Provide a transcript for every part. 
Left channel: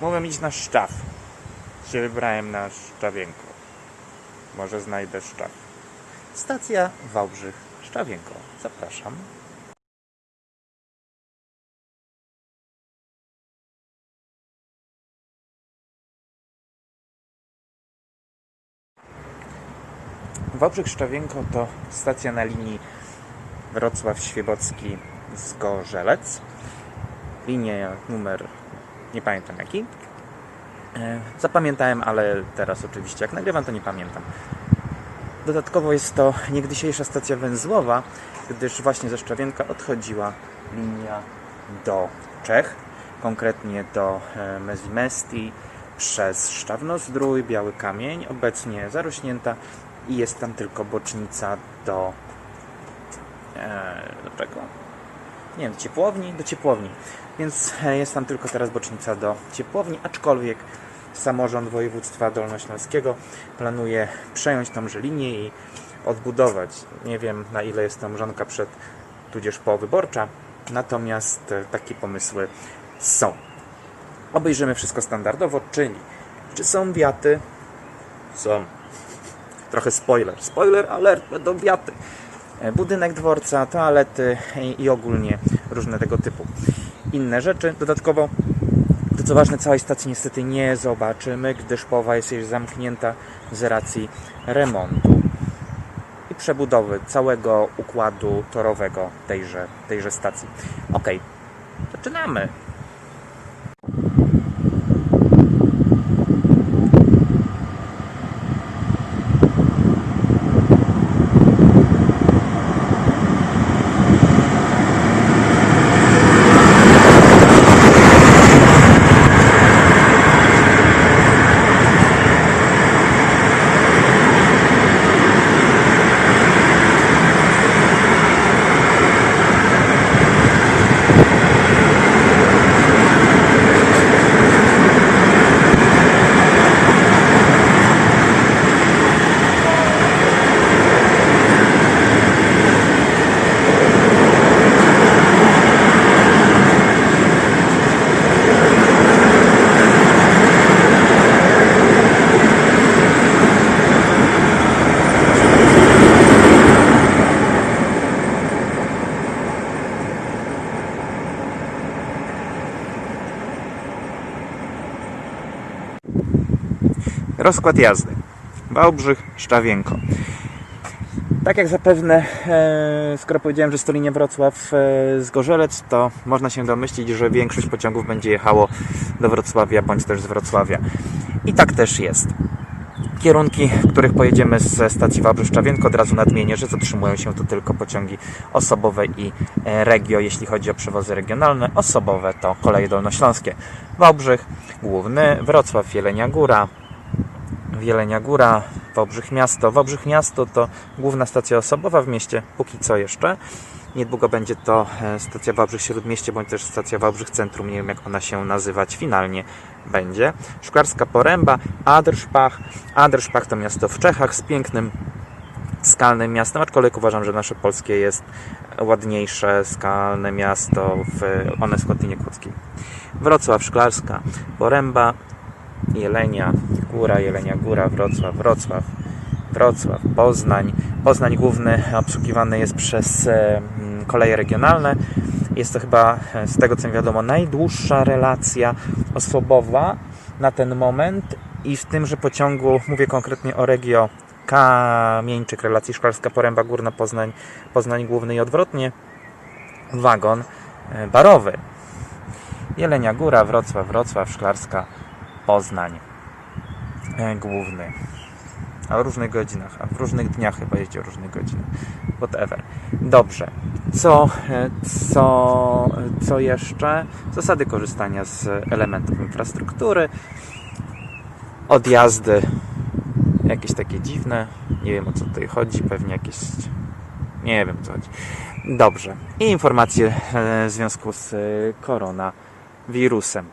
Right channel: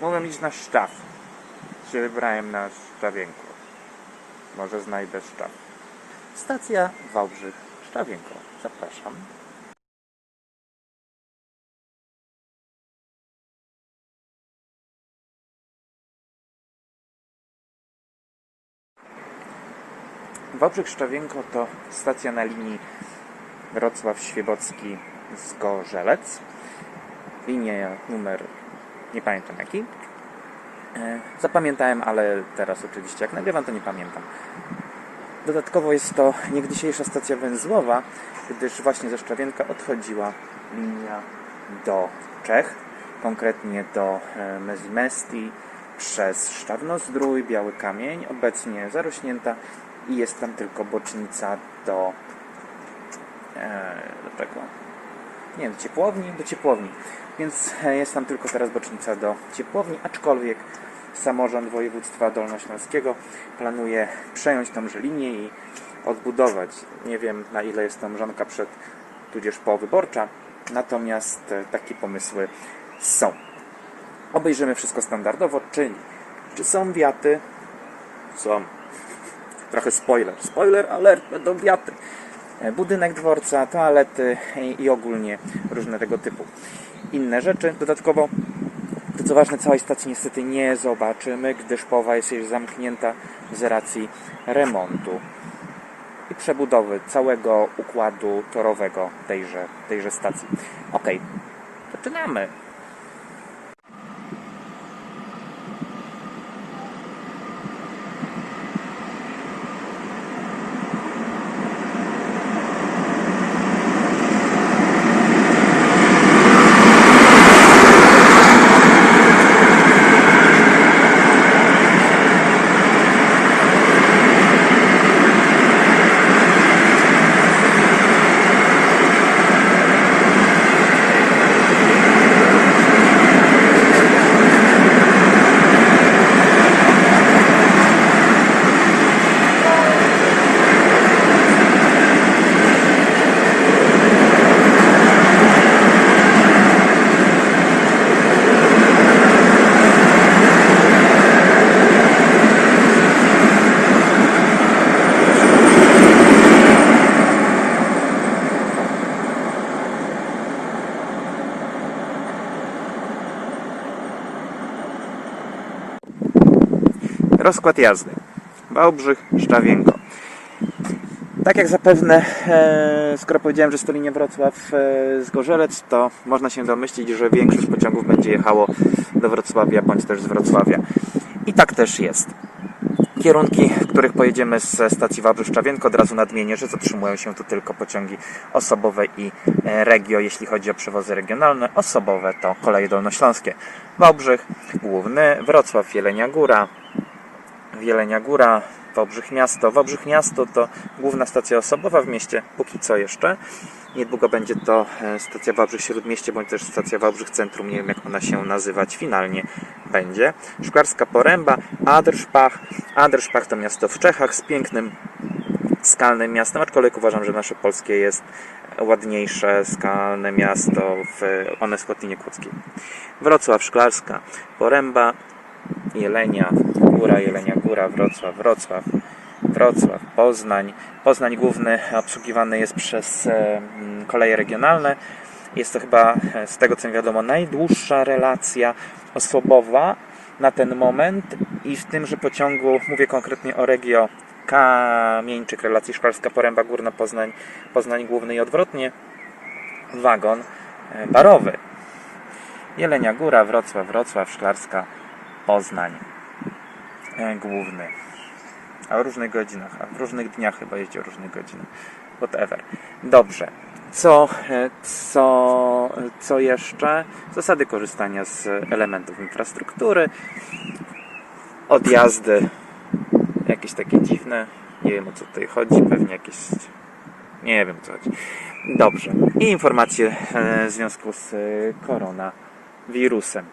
Mogłem iść na Szczaw. Się wybrałem na Szczawienko. Może znajdę Szczaw. Stacja Wałbrzych Szczawienko. Zapraszam. Wałbrzych Szczawienko to stacja na linii Wrocław-Świebocki Zgorzelec. Linia numer nie pamiętam jaki. E, Zapamiętałem, ale teraz oczywiście jak nagrywam to nie pamiętam. Dodatkowo jest to niegdysiejsza stacja węzłowa, gdyż właśnie ze Szczawienka odchodziła linia do Czech, konkretnie do e, Mezimesti, przez Szczawnozdrój, Biały Kamień, obecnie zarośnięta i jest tam tylko bocznica do... E, do czego? Nie wiem, do ciepłowni? Do ciepłowni. Więc e, jest tam tylko teraz bocznica do ciepłowni, aczkolwiek samorząd województwa dolnośląskiego planuje przejąć tą linię i odbudować. Nie wiem na ile jest to mrzonka przed, tudzież powyborcza, natomiast e, takie pomysły są. Obejrzymy wszystko standardowo, czyli czy są wiaty? Są. Trochę spoiler. Spoiler alert, będą wiaty. E, Budynek dworca, toalety i, ogólnie różne tego typu inne rzeczy. Dodatkowo, to co ważne, całej stacji niestety nie zobaczymy, gdyż połowa jest już zamknięta z racji remontu i przebudowy całego układu torowego tejże, tejże stacji. Ok, zaczynamy. Rozkład jazdy. Wałbrzych, Szczawienko. Tak jak zapewne, e, skoro powiedziałem, że jest to linia Wrocław e, Zgorzelec, to można się domyślić, że większość pociągów będzie jechało do Wrocławia bądź też z Wrocławia. I tak też jest. Kierunki, w których pojedziemy ze stacji Wałbrzych-Szczawienko, od razu nadmienię, że zatrzymują się tu tylko pociągi osobowe i e, regio, jeśli chodzi o przewozy regionalne. Osobowe to koleje dolnośląskie. Wałbrzych, Główny, Wrocław, Jelenia Góra, Jelenia Góra, Wałbrzych Miasto. Wałbrzych Miasto to główna stacja osobowa w mieście, póki co jeszcze. Niedługo będzie to e, stacja Wałbrzych Śródmieście, bądź też stacja Wałbrzych Centrum, nie wiem jak ona się nazywać finalnie będzie. Szklarska Poręba, Aderszpach. Aderszpach to miasto w Czechach z pięknym skalnym miastem, aczkolwiek uważam, że nasze polskie jest ładniejsze skalne miasto w Oneskotinie Kłodzkiej. Wrocław, Szklarska, Poręba, Jelenia Góra, Jelenia Góra, Wrocław, Wrocław, Wrocław, Poznań. Poznań główny obsługiwany jest przez e, koleje regionalne. Jest to chyba, e, z tego co mi wiadomo, najdłuższa relacja osobowa na ten moment i w tymże pociągu, mówię konkretnie o Regio Kamieńczyk, relacji Szklarska Poręba Górna, Poznań, Poznań Główny i odwrotnie, wagon e, barowy. Jelenia Góra, Wrocław, Wrocław, Szklarska, Poznań główny. A o różnych godzinach, a w różnych dniach chyba jeździ o różnych godzinach. Whatever. Dobrze. Co, e, co, co jeszcze? Zasady korzystania z elementów infrastruktury. Odjazdy jakieś takie dziwne. Nie wiem o co tutaj chodzi. Pewnie jakieś. Nie wiem o co chodzi. Dobrze. I informacje e, w związku z e, koronawirusem.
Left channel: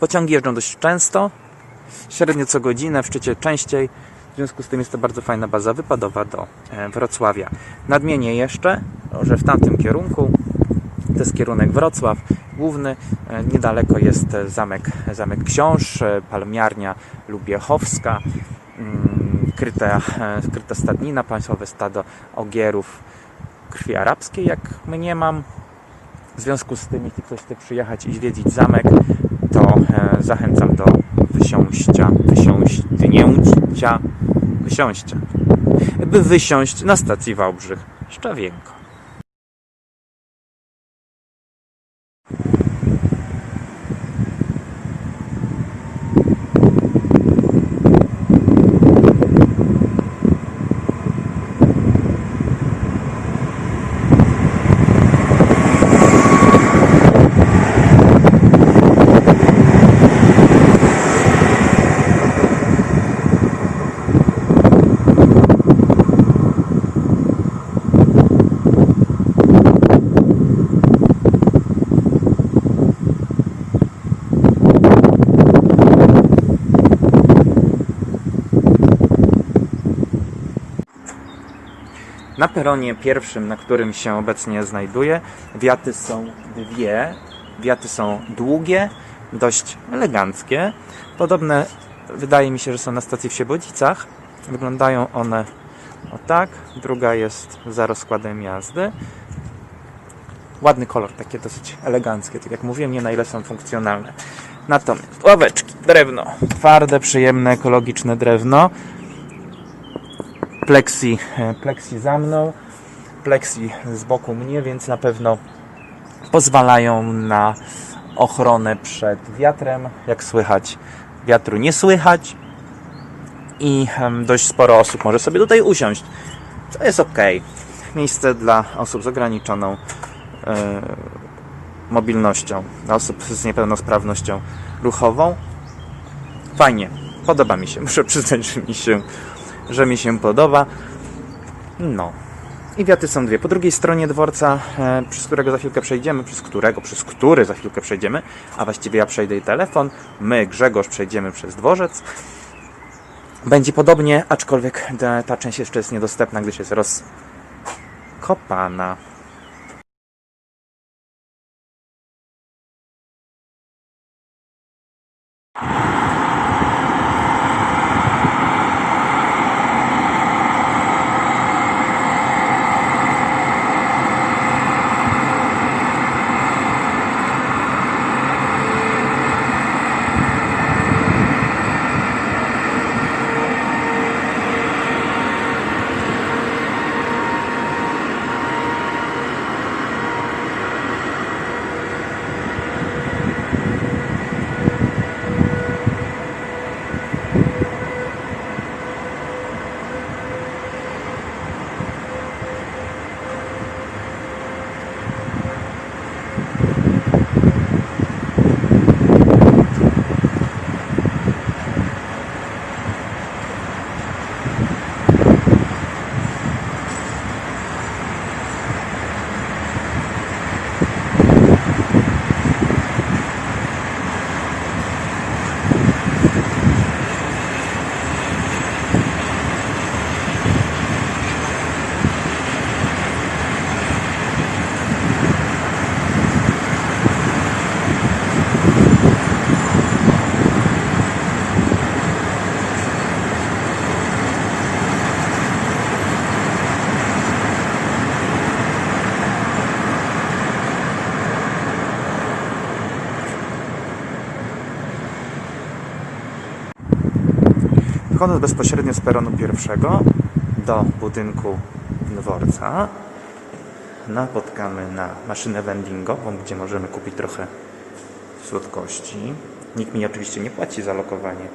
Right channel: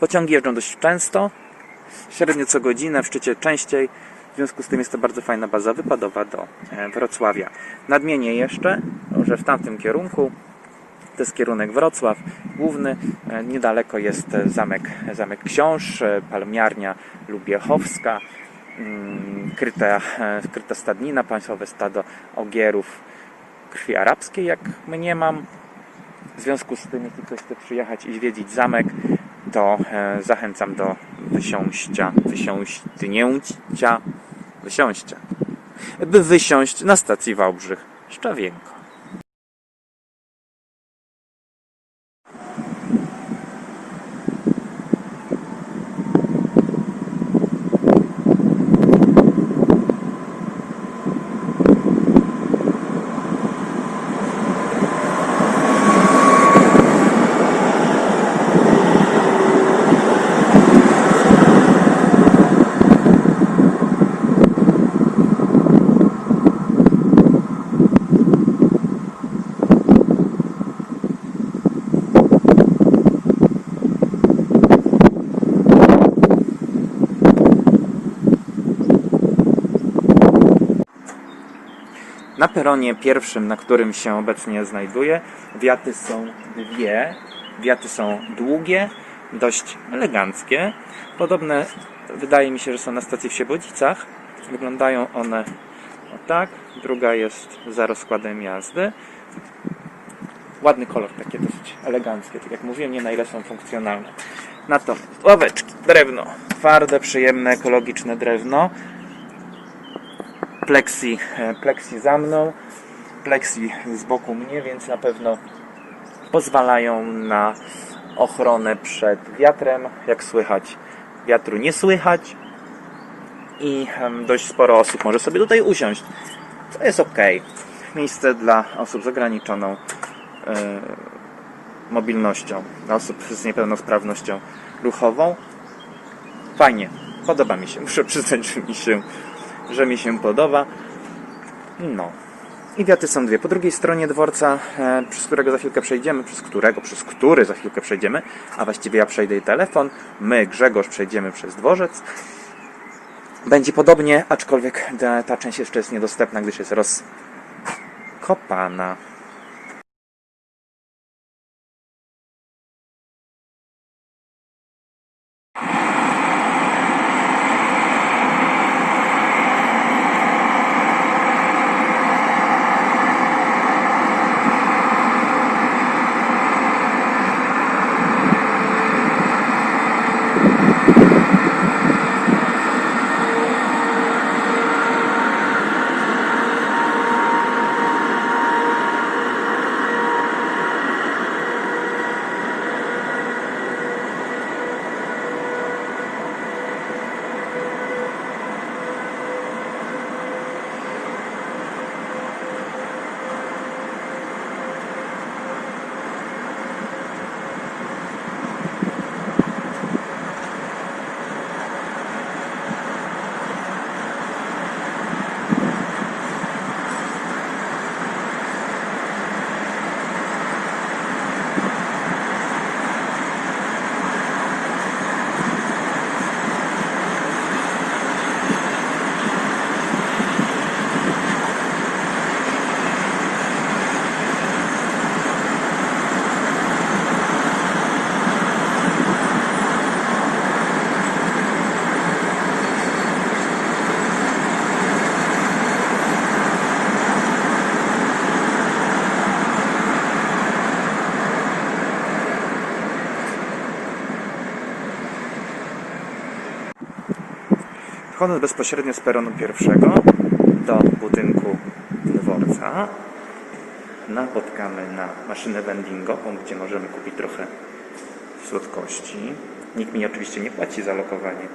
Pociągi jeżdżą dość często, średnio co godzinę, w szczycie częściej. W związku z tym jest to bardzo fajna baza wypadowa do e, Wrocławia. Nadmienię jeszcze, że w tamtym kierunku to jest kierunek Wrocław, główny. E, Niedaleko jest zamek, zamek Książ, e, palmiarnia Lubiechowska, mm, kryta, kryta stadnina, państwowe stado ogierów krwi arabskiej, jak mnie mam. W związku z tym, jeśli ktoś chce przyjechać i zwiedzić zamek, to zachęcam do wysiąścia, wysiąścia, wysiąścia, by wysiąść na stacji Wałbrzych Szczawienko. Na peronie pierwszym, na którym się obecnie znajduję, wiaty są dwie. Wiaty są długie, dość eleganckie. Podobne wydaje mi się, że są na stacji w Siebodzicach. Wyglądają one o tak. Druga jest za rozkładem jazdy. Ładny kolor, takie dosyć eleganckie. Tak jak mówiłem, nie na ile są funkcjonalne. Natomiast ławeczki, drewno. Twarde, przyjemne, ekologiczne drewno plexi, e, plexi za mną, plexi z boku mnie, więc na pewno pozwalają na ochronę przed wiatrem. Jak słychać, wiatru nie słychać i dość sporo osób może sobie tutaj usiąść, co jest ok. Miejsce dla osób z ograniczoną e, mobilnością, dla osób z niepełnosprawnością ruchową. Fajnie, podoba mi się, muszę przyznać, że mi się że mi się podoba. No. I wiaty są dwie. Po drugiej stronie dworca, e, przez którego za chwilkę przejdziemy, przez którego, przez który za chwilkę przejdziemy, a właściwie ja przejdę i telefon, my, Grzegorz, przejdziemy przez dworzec. Będzie podobnie, aczkolwiek ta, część jeszcze jest niedostępna, gdyż jest rozkopana. Wychodząc bezpośrednio z peronu pierwszego do budynku dworca, napotkamy na maszynę vendingową, gdzie możemy kupić trochę słodkości. Nikt mi oczywiście nie płaci za lokowanie,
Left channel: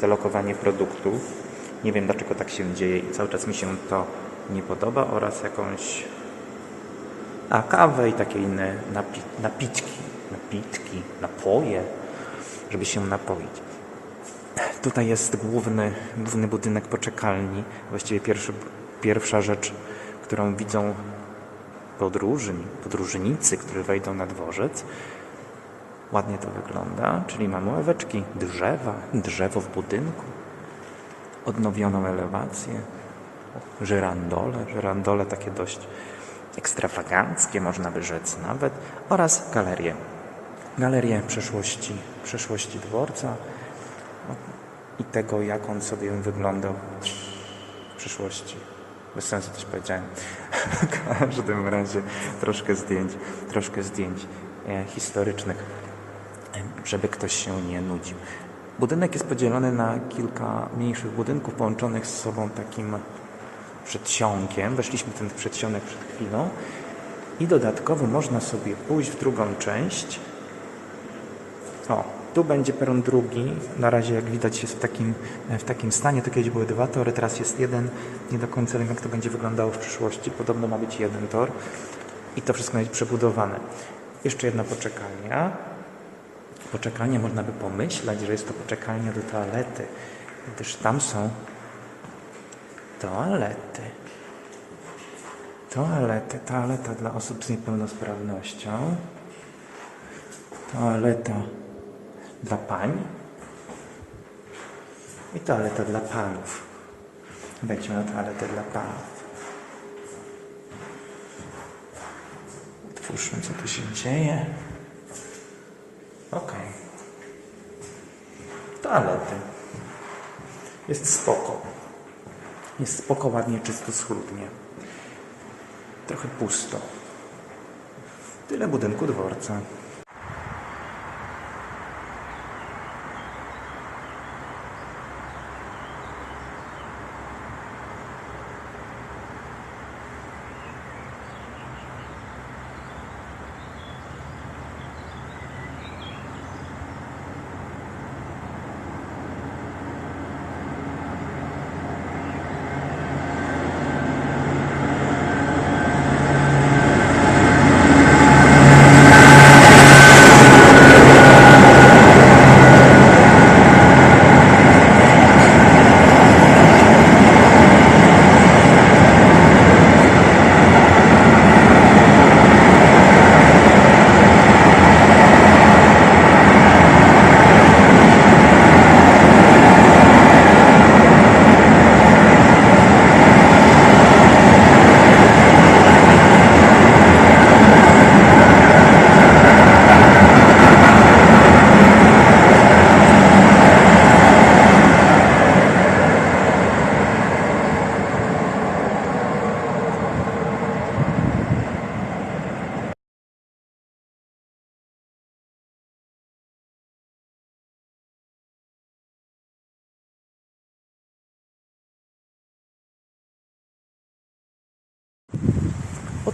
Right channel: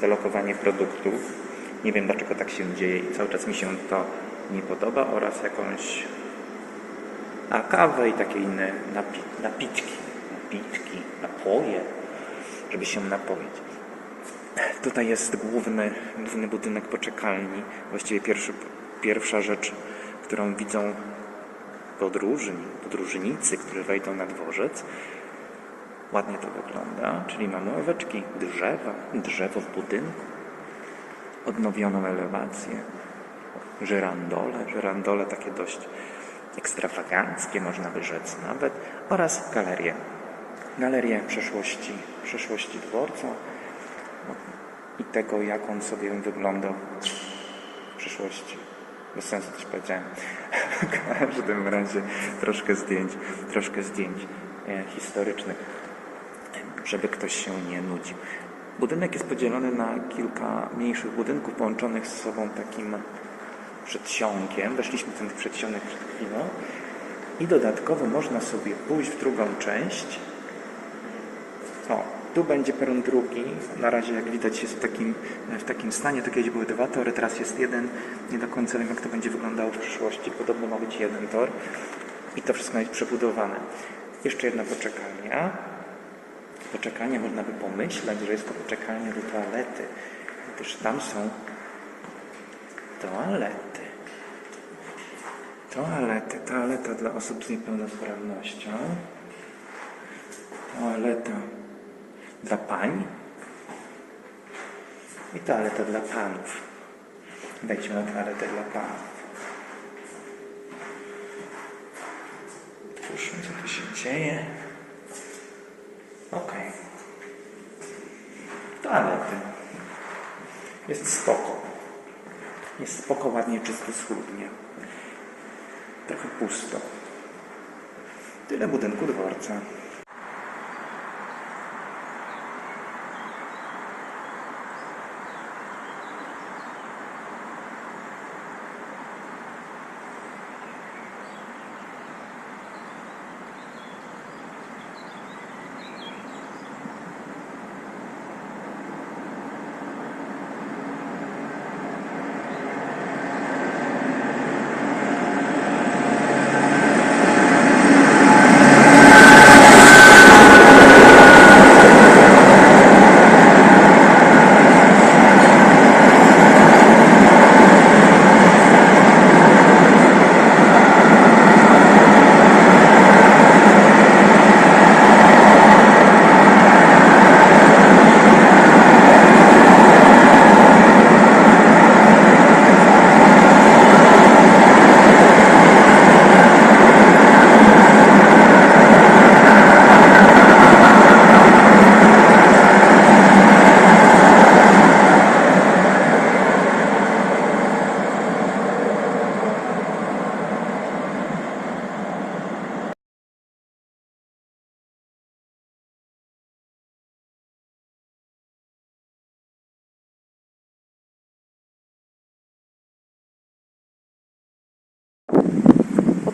za lokowanie produktów. Nie wiem dlaczego tak się dzieje i cały czas mi się to nie podoba oraz jakąś a kawę i takie inne napi napiczki, napiczki, napoje, żeby się napoić. Tutaj jest główny, główny budynek poczekalni. Właściwie pierwszy, pierwsza rzecz, którą widzą podróżni, podróżnicy, którzy wejdą na dworzec. Ładnie to wygląda, czyli mamy ławeczki, drzewa, drzewo w budynku, odnowioną elewację, żyrandole, żyrandole takie dość ekstrawaganckie, można by rzec nawet, oraz galerię galerię przeszłości, przeszłości dworca i tego, jak on sobie wyglądał w przyszłości. Bez sensu coś powiedziałem. W każdym razie troszkę zdjęć, troszkę zdjęć e, historycznych, żeby ktoś się nie nudził. Budynek jest podzielony na kilka mniejszych budynków połączonych z sobą takim przedsionkiem. Weszliśmy w ten przedsionek przed chwilą. I dodatkowo można sobie pójść w drugą część. O, tu będzie peron drugi. Na razie, jak widać, jest w takim, w takim stanie. Tu kiedyś były dwa tory, teraz jest jeden. Nie do końca wiem, jak to będzie wyglądało w przyszłości. Podobno ma być jeden tor. I to wszystko ma być przebudowane. Jeszcze jedna poczekalnia. Poczekalnia można by pomyśleć, że jest to poczekalnia do toalety. Gdyż tam są toalety. Toalety, toaleta dla osób z niepełnosprawnością. Toaleta dla pań. I toaleta dla panów. Wejdźmy na toaletę dla panów. Otwórzmy, co tu się dzieje. Okej. Toalety. Jest spoko. Jest spoko, ładnie, czysto, schludnie. Trochę pusto. Tyle budynku dworca.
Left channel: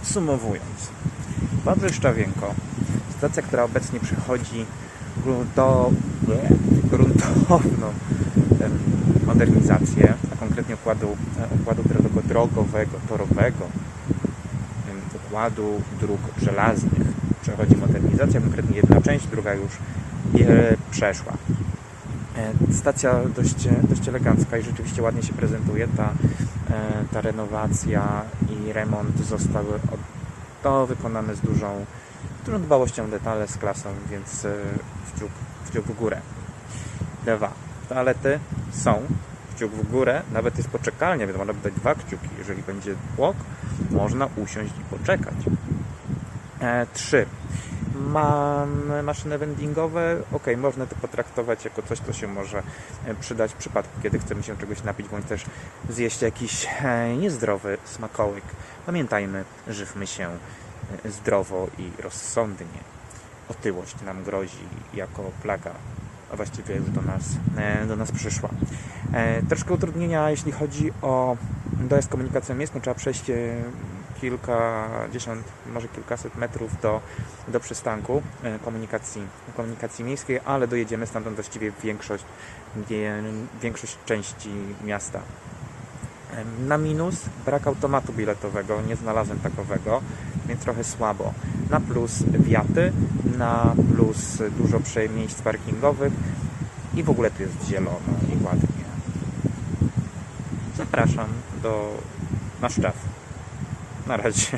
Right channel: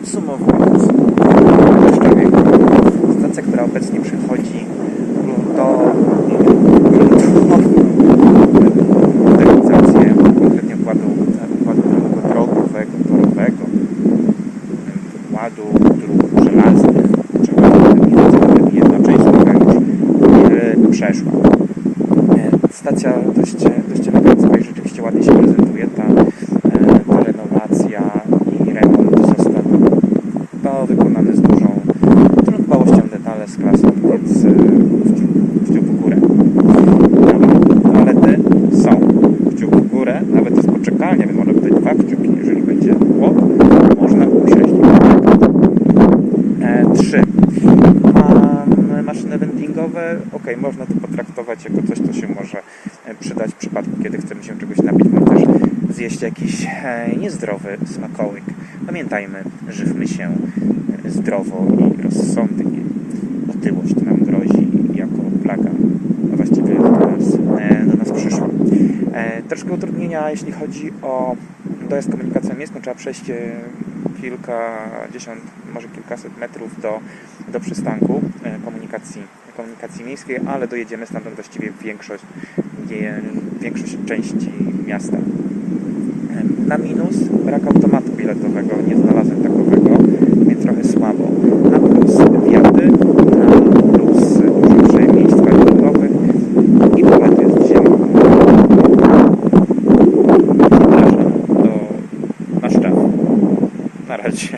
Podsumowując, Leszczawiego, stacja, która obecnie przechodzi grunto, gruntowną modernizację, konkretnie układu, układu drogowego, torowego, układu dróg żelaznych, przechodzi modernizację, nawet jedna część droga już przeszła. E, Stacja dość, dość elegancka i rzeczywiście ładnie się prezentuje. Ta, e, ta renowacja i remont zostały no, wykonane z dużą, dużą dbałością detale, z klasą, więc e, kciuk, kciuk w górę. Dobra, toalety są. Kciuk w górę, nawet jest poczekalnia, więc można dać dwa kciuki. Jeżeli będzie łok, można usiąść i poczekać. E, trzy. Mam maszyny vendingowe. Ok, można to potraktować jako coś, co się może e, przydać w przypadku, kiedy chcemy się czegoś napić, bądź też zjeść jakiś e, niezdrowy smakołyk. Pamiętajmy, żywmy się e, zdrowo i rozsądnie. Otyłość nam grozi jako plaga, a właściwie do nas, e, do nas przyszła. Troszkę utrudnienia, jeśli chodzi o dojazd komunikacją miejską. Trzeba przejść kilkadziesiąt, może kilkaset metrów do, do przystanku komunikacji, komunikacji miejskiej, ale dojedziemy stamtąd właściwie większość, większość części miasta. Na minus brak automatu biletowego, nie znalazłem takowego, więc trochę słabo. Na plus wiaty, na plus dużo prze- miejsc parkingowych i w ogóle to jest zielono. Zapraszam do na szczaw. Na razie.